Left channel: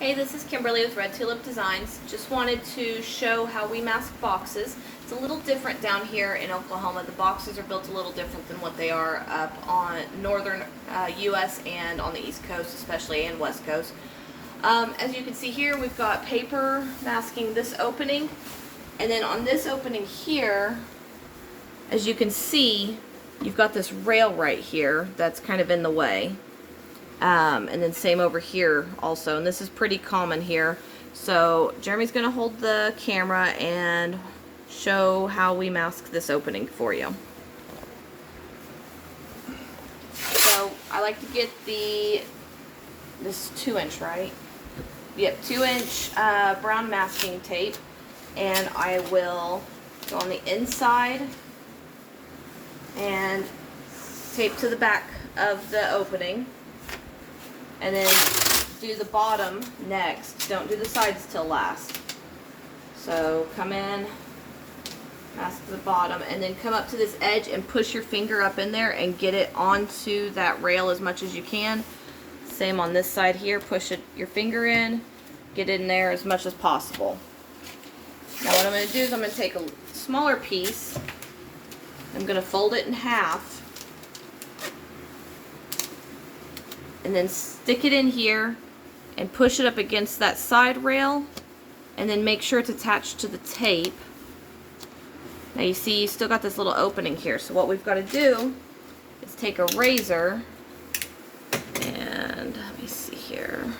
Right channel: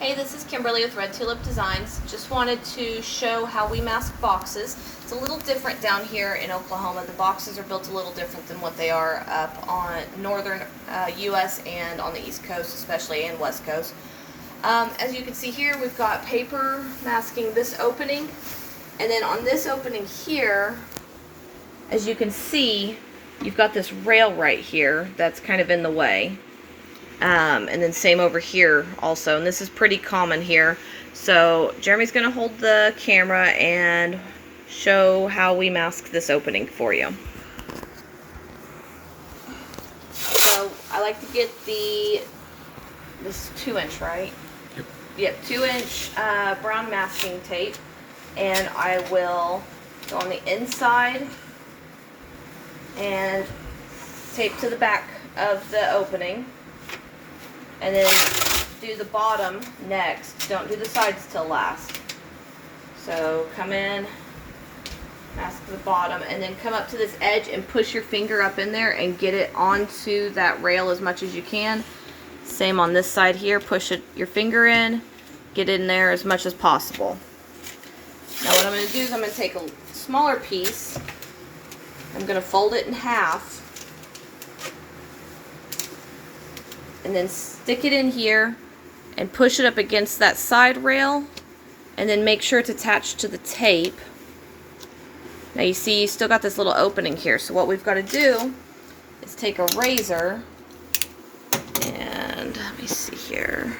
Hey, this is Kimberly with Red Tulip Designs. Just wanted to show how we mask boxes. It's a little different down here in Oklahoma. The boxes are built a little different than what they are up on northern U.S. and on the East Coast especially, and West Coast. As you can see here, we've got paper masking this opening, and then on this opening here, as you can see, you've got this rail right here that's kind of in the way. And then same over here also, and this is pretty common here. So Jeremy's going to hold the camera and show how we mask this opening for you. So I like to get this 2-inch, right? Yep, 2-inch brown masking tape, and I will go on the inside and tape to the back of the opening. And then do the bottom next. Don't do the sides till last. So come in, mask the bottom, and then come up to this edge and push your finger up in there and get it onto that rail as much as you can. Same on this side here. Push your finger in, get in there as much as possible. Now what I'm going to do is I'm going to take a smaller piece. I'm going to fold it in half. And then stick it in here and push it up against that side rail, and then make sure it's attached to the tape. Now you see you still got this little opening here, so what we've got to do is take a razor and let me see here.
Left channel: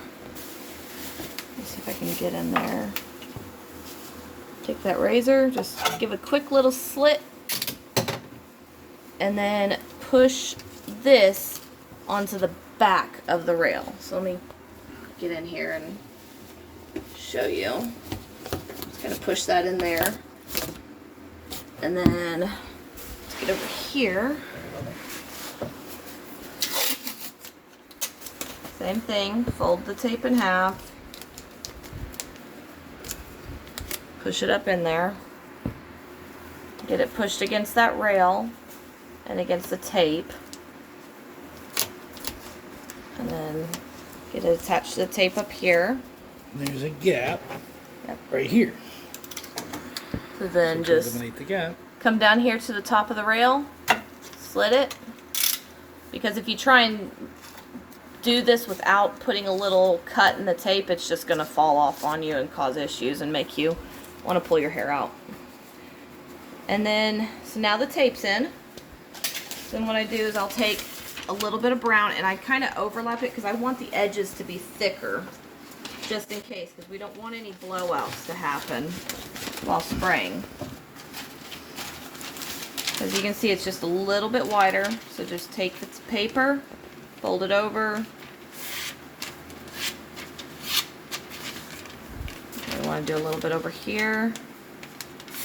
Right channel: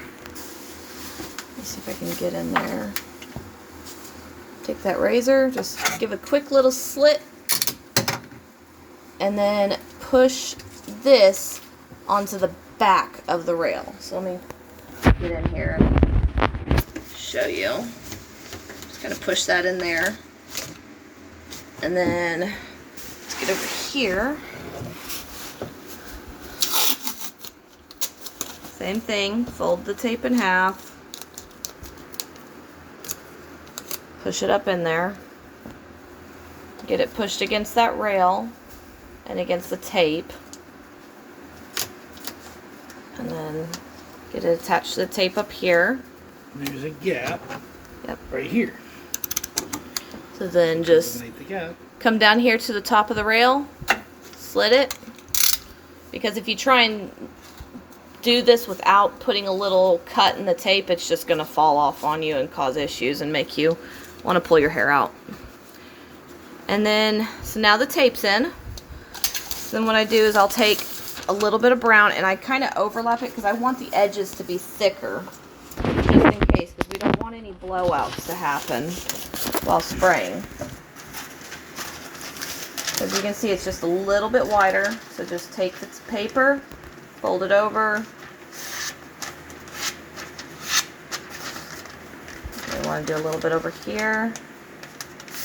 Let me see if I can get in there. Take that razor, just give a quick little slit, and then push this onto the back of the rail. So let me get in here and show you. Just gonna push that in there, and then let's get over here. Same thing, fold the tape in half, push it up in there, get it pushed against that rail and against the tape. And then get it attached to the tape up here. And there's a gap. Yep. Right here. So then just Eliminate the gap. come down here to the top of the rail, slit it. Because if you try and do this without putting a little cut in the tape, it's just going to fall off on you and cause issues and make you want to pull your hair out. And then, so now the tape's in. Then what I do is I'll take a little bit of brown, and I kind of overlap it because I want the edges to be thicker, just in case, because we don't want any blowouts to happen while spraying. As you can see, it's just a little bit wider, so just take the paper, fold it over. I want to do a little bit over here.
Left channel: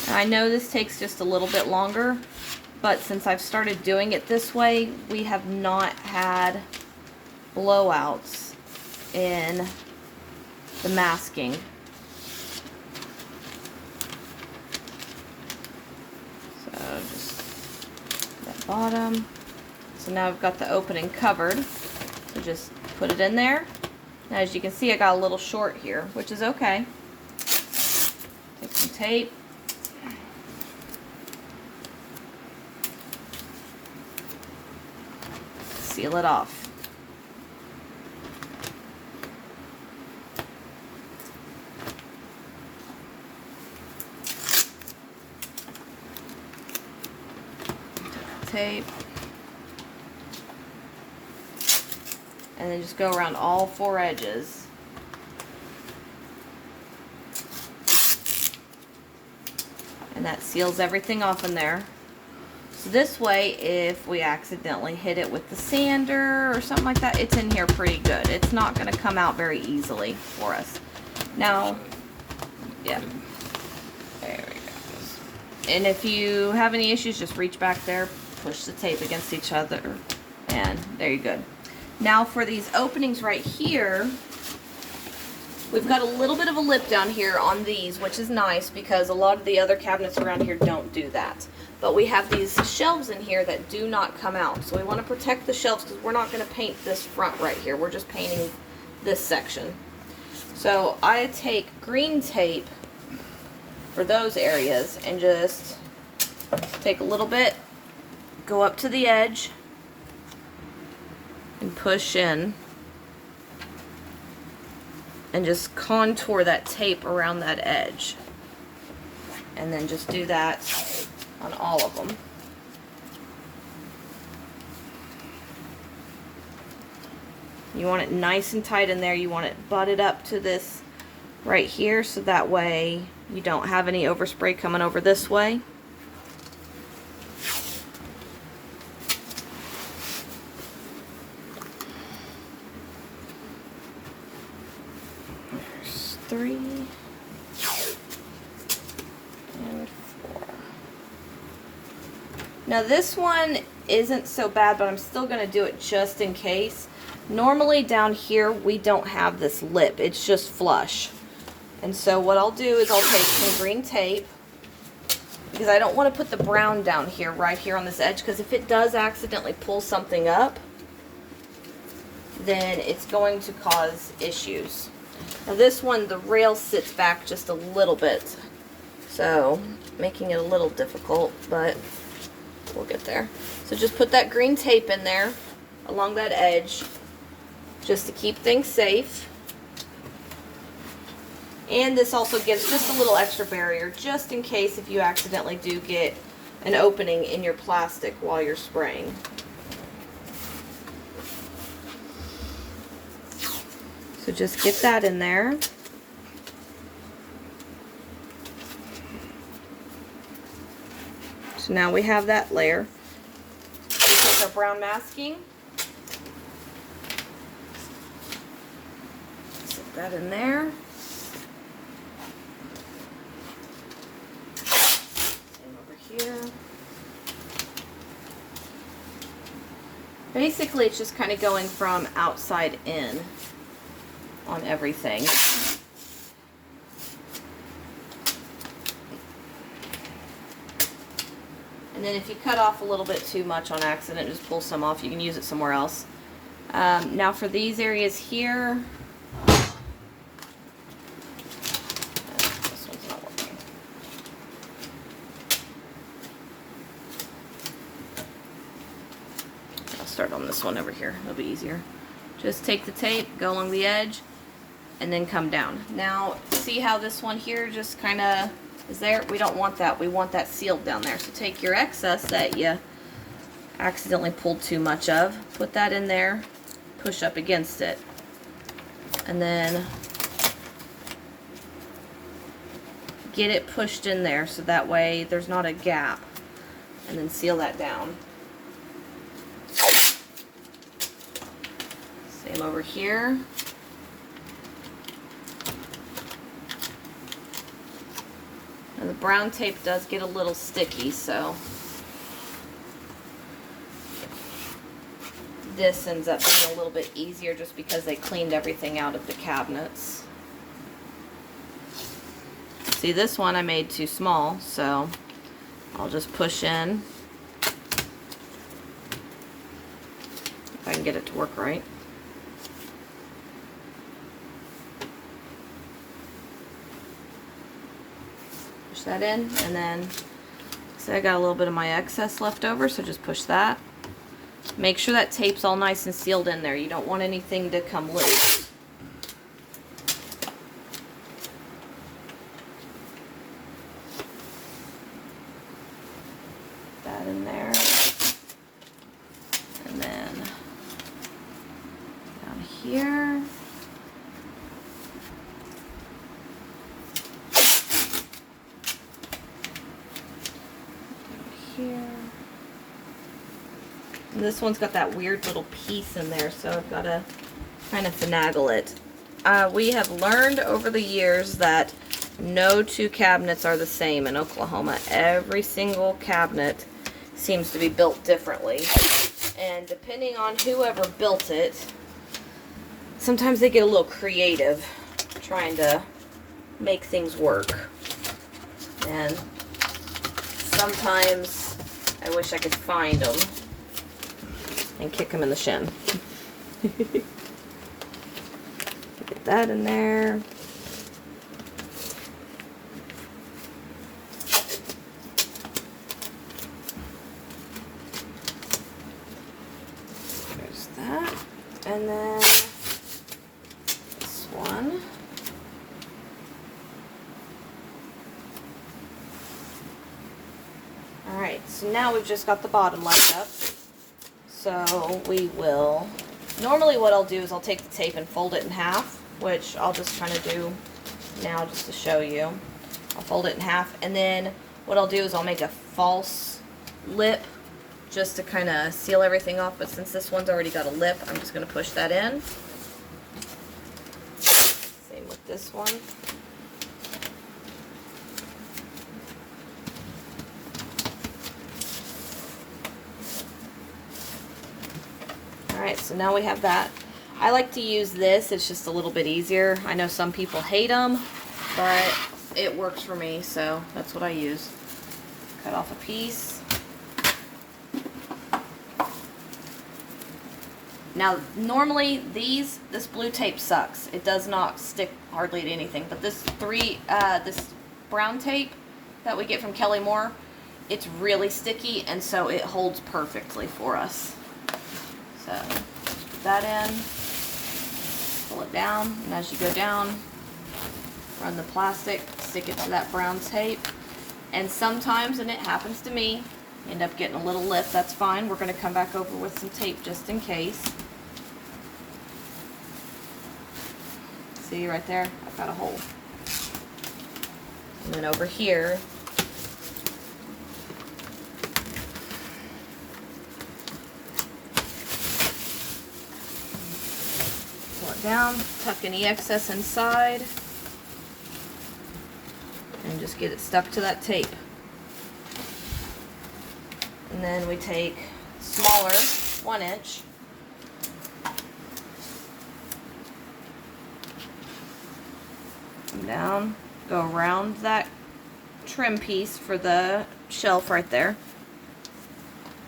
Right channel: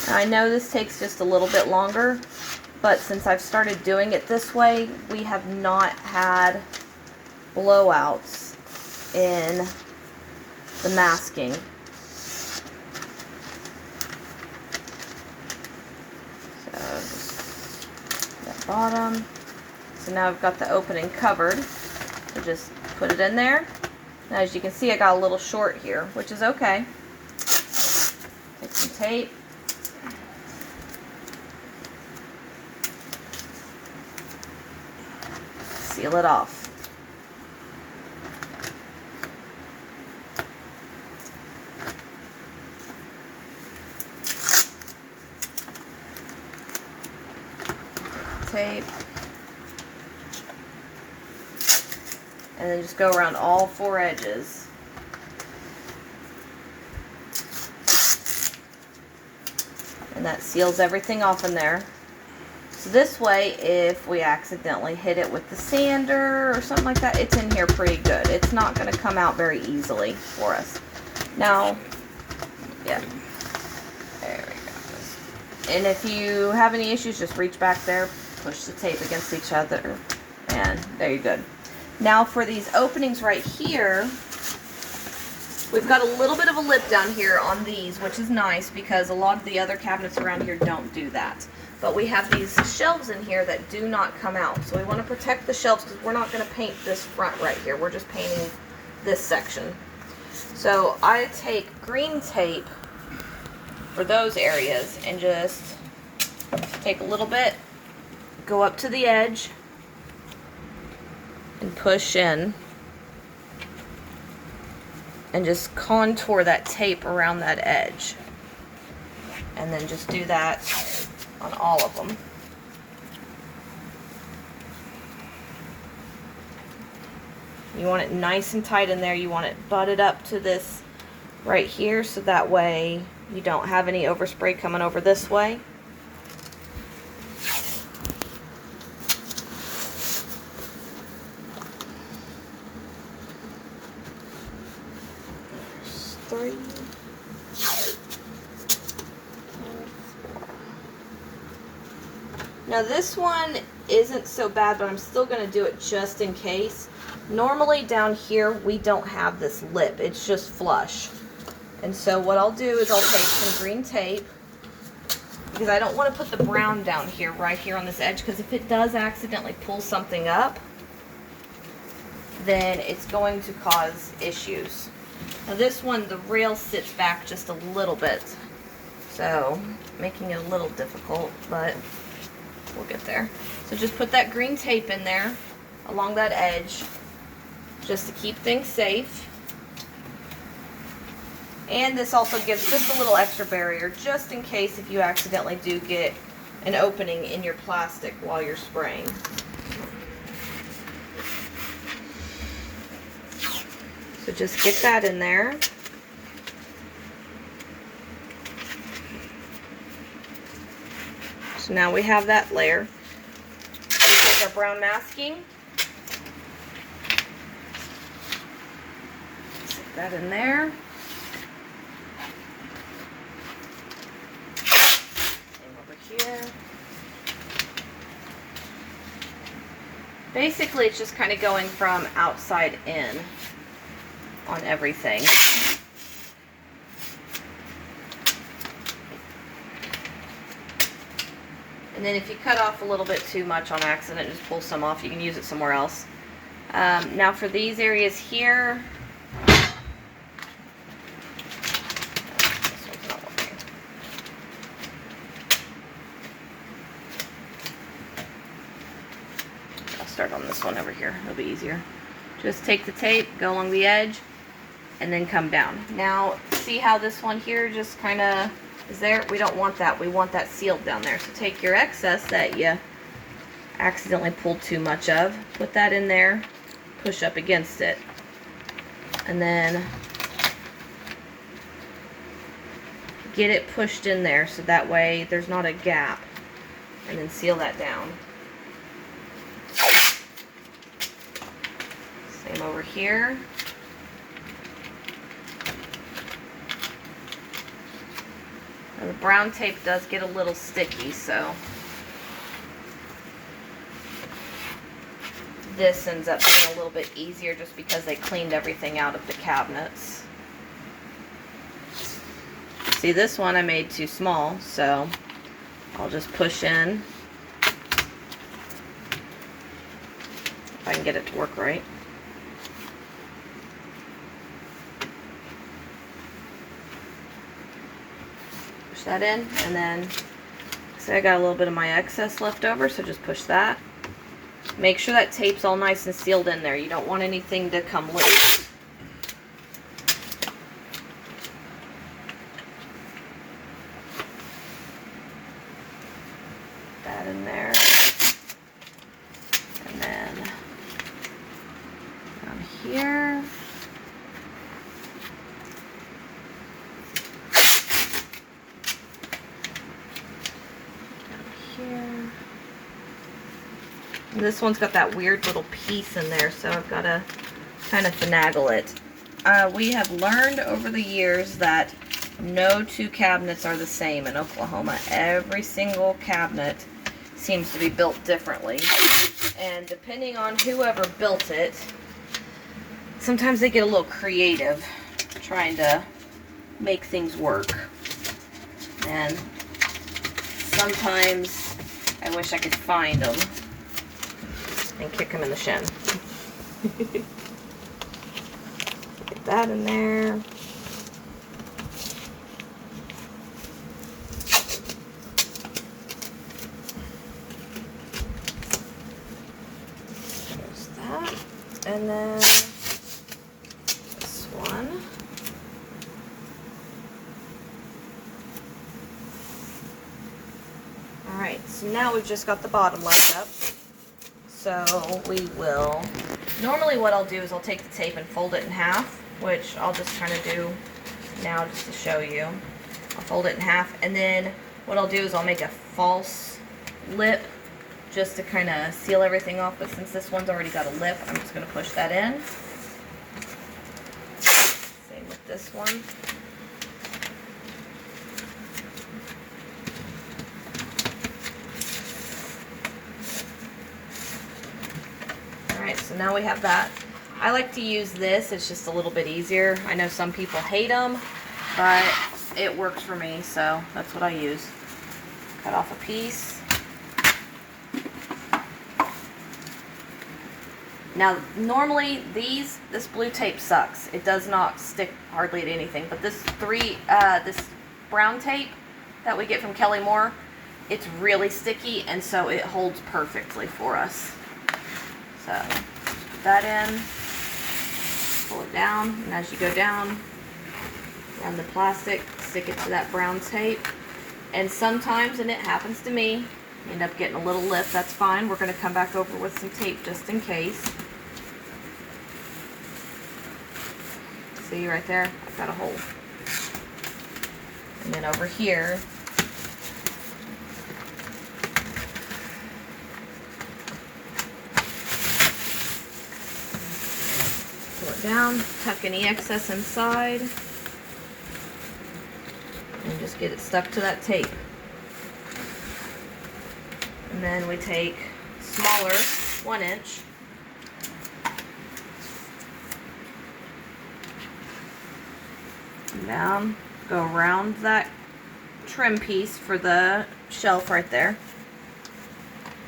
Now, I know this takes just a little bit longer, but since I've started doing it this way, we have not had blowouts in the masking. So just that bottom. So now I've got the opening covered. So just put it in there. Now as you can see, I got a little short here, which is okay. Take some tape. Seal it off. Tape. And then just go around all 4 edges. And that seals everything off in there. So this way, if we accidentally hit it with the sander or something like that, it's in here pretty good. It's not going to come out very easily for us. Now, yeah, there we go. And if you have any issues, just reach back there, push the tape against each other, and there you're good. Now for these openings right here, we've got a little bit of a lip down here on these, which is nice because a lot of the other cabinets around here don't do that. But we have these shelves in here that do not come out. So we want to protect the shelves because we're not going to paint this front right here. We're just painting this section. So I take green tape for those areas and just take a little bit, go up to the edge, and push in, and just contour that tape around that edge. And then just do that on all of them. You want it nice and tight in there. You want it butted up to this right here, so that way you don't have any overspray coming over this way. There's 3. Now this one isn't so bad, but I'm still going to do it just in case. Normally down here we don't have this lip, it's just flush. And so what I'll do is I'll take some green tape, because I don't want to put the brown down here, right here on this edge, because if it does accidentally pull something up, then it's going to cause issues. Now this one, the rail sits back just a little bit, so making it a little difficult, but we'll get there. So just put that green tape in there along that edge just to keep things safe. And this also gives just a little extra barrier just in case if you accidentally do get an opening in your plastic while you're spraying. So just get that in there. So now we have that layer. We take our brown masking, stick that in there. Same over here. Basically, it's just kind of going from outside in on everything. And then if you cut off a little bit too much on accident, just pull some off. You can use it somewhere else. Now for these areas here, this one's not working. I'll start on this one over here. It'll be easier. Just take the tape, go along the edge, and then come down. Now, see how this one here just kind of is there? We don't want that. We want that sealed down there. So take your excess that you accidentally pulled too much of, put that in there, push up against it, and then get it pushed in there so that way there's not a gap, and then seal that down. Same over here. Now the brown tape does get a little sticky, so this ends up being a little bit easier just because they cleaned everything out of the cabinets. See, this one I made too small, so I'll just push in. If I can get it to work right. That in, and then so I got a little bit of my excess left over, so just push that. Make sure that tape's all nice and sealed in there. You don't want anything to come loose. That in there, and then down here. And this one's got that weird little piece in there, so I've got to kind of finagle it. We have learned over the years that no two cabinets are the same in Oklahoma. Every single cabinet seems to be built differently. And depending on whoever built it, sometimes they get a little creative trying to make things work. And sometimes I wish I could find them and kick him in the shin. Put that in there. There's that. And then this one. Alright, so now we've just got the bottom lined up. So we will, normally what I'll do is I'll take the tape and fold it in half, which I'll just kind of do now just to show you. I'll fold it in half, and then what I'll do is I'll make a false lip just to kind of seal everything off, but since this one's already got a lip, I'm just going to push that in. Same with this one. Alright, so now we have that. I like to use this, it's just a little bit easier. I know some people hate them, but it works for me, so that's what I use. Cut off a piece. Now, normally this blue tape sucks. It does not stick hardly to anything, but this brown tape that we get from Kelly Moore, it's really sticky, and so it holds perfectly for us. So, put that in, pull it down, and as you go down, run the plastic, stick it to that brown tape, and sometimes, and it happens to me, end up getting a little lip. That's fine. We're going to come back over with some tape just in case. See right there? I've got a hole. And then over here, down, tuck any excess inside, and just get it stuck to that tape. And then we take smaller 1 inch, and down, go around that trim piece for the shelf right there,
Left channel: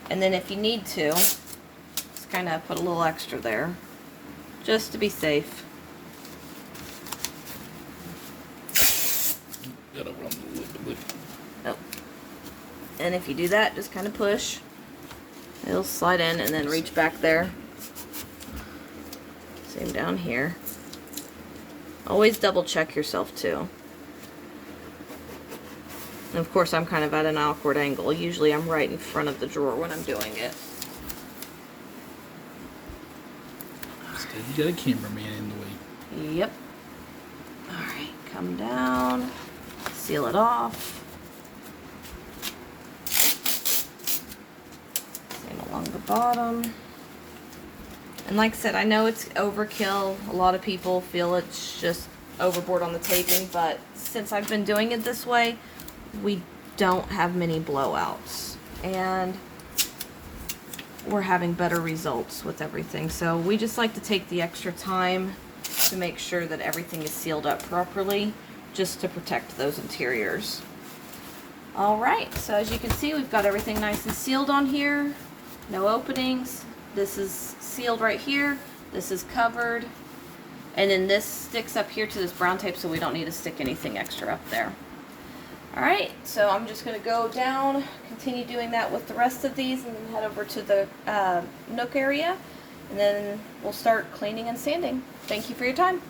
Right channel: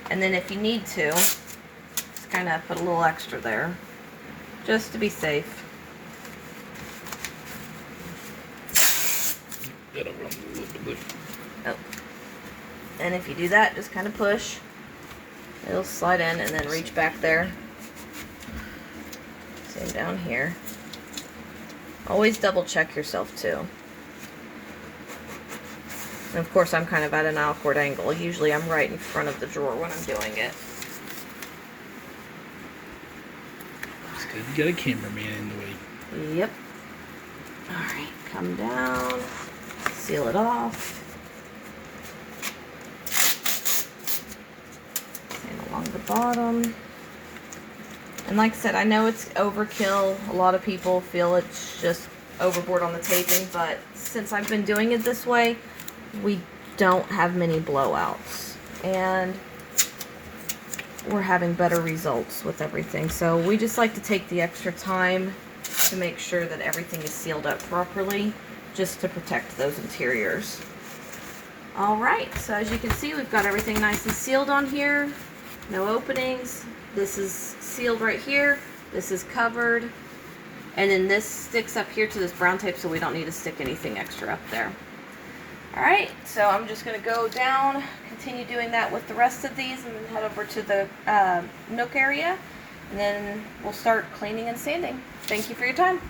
and then if you need to, just kind of put a little extra there, just to be safe. Oh. And if you do that, just kind of push. It'll slide in and then reach back there. Same down here. Always double check yourself too. And of course I'm kind of at an awkward angle. Usually I'm right in front of the drawer when I'm doing it. You got a cameraman in the way. Yep. Alright, come down, seal it off. And along the bottom. And like I said, I know it's overkill. A lot of people feel it's just overboard on the taping, but since I've been doing it this way, we don't have many blowouts. And we're having better results with everything. So we just like to take the extra time to make sure that everything is sealed up properly, just to protect those interiors. Alright, so as you can see, we've got everything nice and sealed on here. No openings. This is sealed right here. This is covered. And then this sticks up here to this brown tape, so we don't need to stick anything extra up there. Alright, so I'm just going to go down, continue doing that with the rest of these, and then head over to the nook area, and then we'll start cleaning and sanding. Thank you for your time.